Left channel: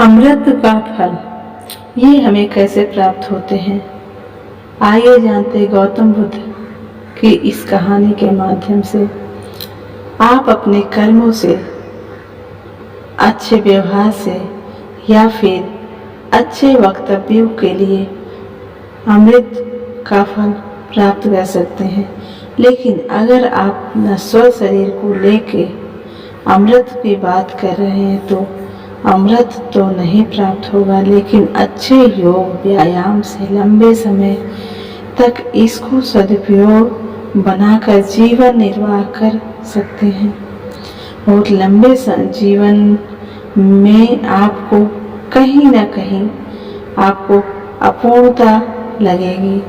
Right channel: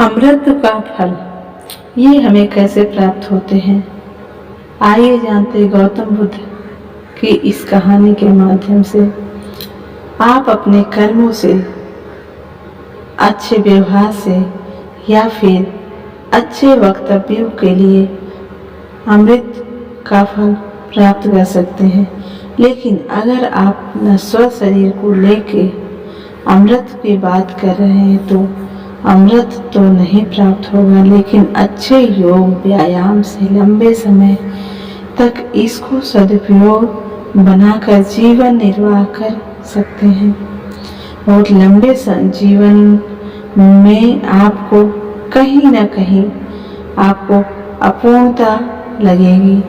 अमृत का फल ये हमें कैसे प्राप्त होते हैं? आइए जानते गौतम बुद्ध की इस कहानी के माध्यम से। आप अपने कर्मों से, अच्छे व्यवहार से या फिर अच्छे वक्तव्यों के लिए अमृत का फल प्राप्त कर सकते हैं। लेकिन अगर आप नश्वर शरीर को लेके अमृत की बात कर रहे हैं तो अमृत तो नहीं प्राप्त होगा, लेकिन अच्छे योग व्यायाम से लंबे समय तक इसको सदुपयोग बनाकर जीवन निर्वाह कर सकते हैं। बहुत लंबे जीवन में आपको कहीं ना कहीं आपको अपूर्णता लगेगी,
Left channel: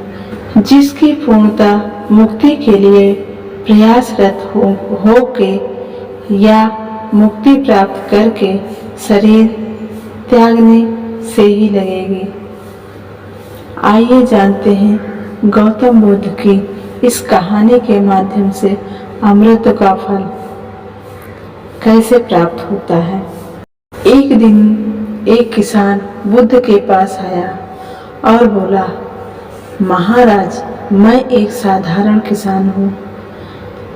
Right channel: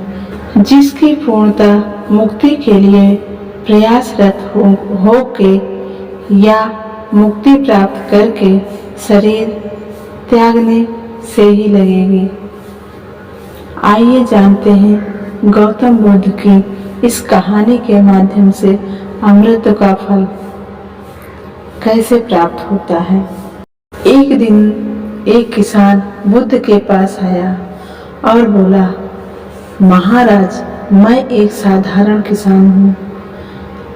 जिसकी पूर्णता मुक्ति के लिए प्रयासरत हो के या मुक्ति प्राप्त करके शरीर त्यागने से ही लगेगी। आइए जानते हैं गौतम बुद्ध की इस कहानी के माध्यम से अमृत का फल कैसे प्राप्त होता है। एक दिन एक किसान बुद्ध के पास आया और बोला, महाराज, मैं एक साधारण किसान हूँ।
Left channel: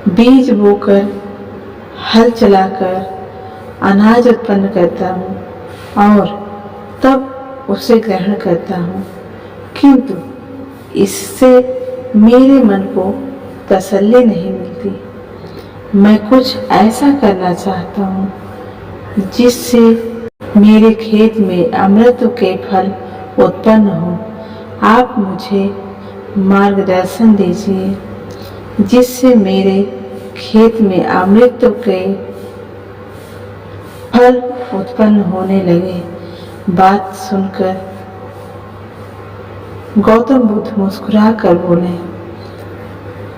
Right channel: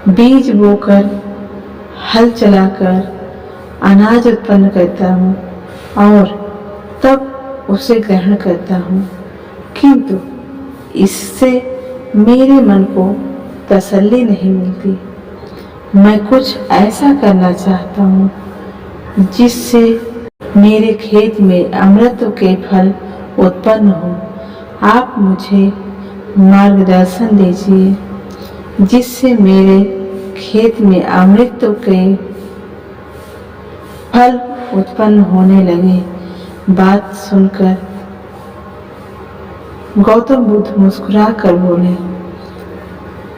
बीज बोकर, हल चलाकर अनाज उत्पन्न करता हूँ और तब उसे ग्रहण करता हूँ, किंतु इससे मेरे मन को तसल्ली नहीं मिलती। मैं कुछ ऐसा करना चाहता हूँ जिससे मेरे खेत में अमृत के फल उत्पन्न हो। आप मुझे मार्गदर्शन दीजिए जिससे मेरे खेत में अमृत के फल उत्पन्न होने लगे। बात सुनकर गौतम बुद्ध मुस्कुरा कर बोले,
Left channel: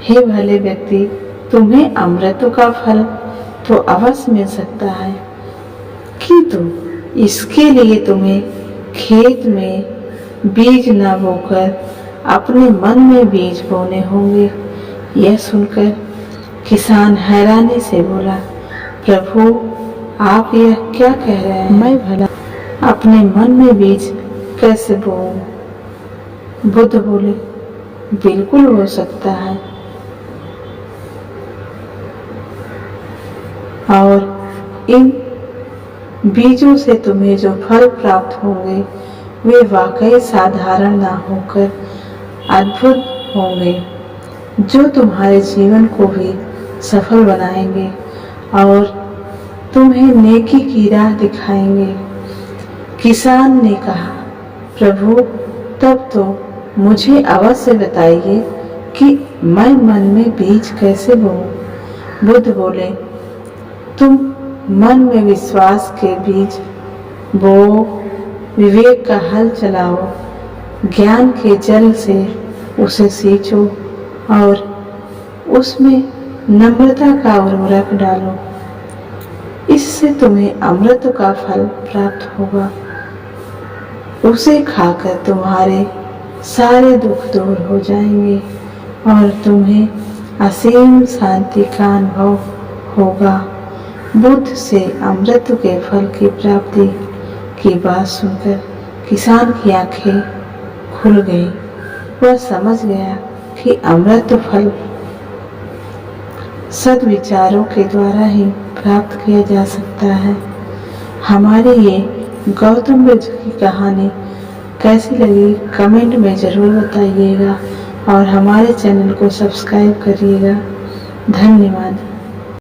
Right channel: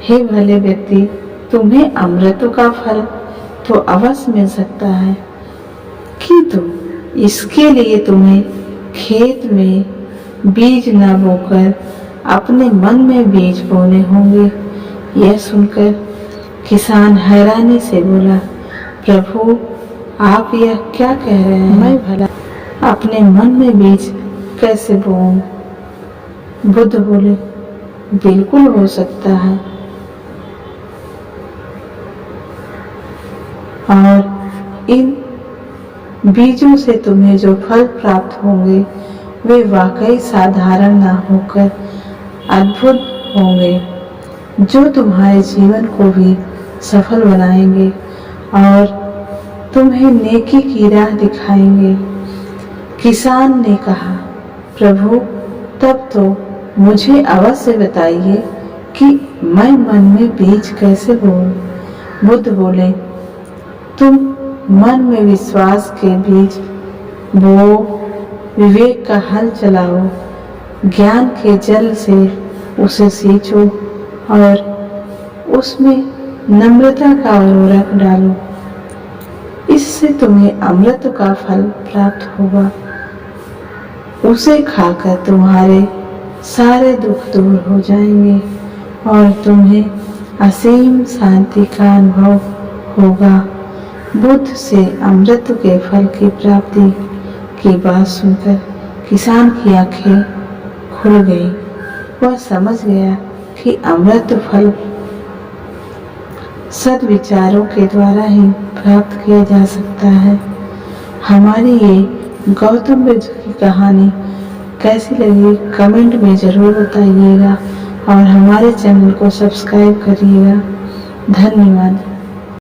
हे भले व्यक्ति, तुम्हें अमृत का फल तो अवश्य मिल सकता है, किंतु इसके लिए तुम्हें खेत में बीज न बोकर अपने मन में बीज बोने होंगे। यह सुनकर किसान हैरानी से बोला, प्रभु, आप यह क्या कह रहे हैं? मैं भला अपने मन में बीज कैसे बोऊं? बुद्ध बोले, बिल्कुल हो सकता है, और इन बीजों से तुम्हें जो फल प्राप्त होंगे वे वाकई साधारण ना होकर अद्भुत होंगे, जो तुम्हारे जीवन को भी सफल बनाएंगे और तुम्हें नेकी की राह दिखाएंगे। किसान ने कहा, प्रभु, तब तो मुझे अवश्य बताइए कि मैं मन में बीज कैसे बोऊं। बुद्ध बोले, तुम मन में विश्वास के बीज बोओ, विवेक का हल चलाओ, ज्ञान के जल से उसे सींचो और उसमें नम्रता का उर्वरक डालो। इससे तुम्हें अमृत का फल प्राप्त होगा। उसे खाकर तुम्हारे सारे दुख दूर हो जाएंगे और तुम्हें असीम शांति का अनुभव होगा। बुद्ध से अमृत के फल की प्राप्ति की बात सुनकर किसान की आंखें खुल गई। वह समझ गया कि अमृत फल सद्विचारों के द्वारा ही प्राप्त किया जा सकता है। हमारी ये गौतम बुद्ध की कहानी कैसी लगी कमेंट में ज़रूर बताइएगा और हमारे चैनल को सब्सक्राइब करिएगा। धन्यवाद।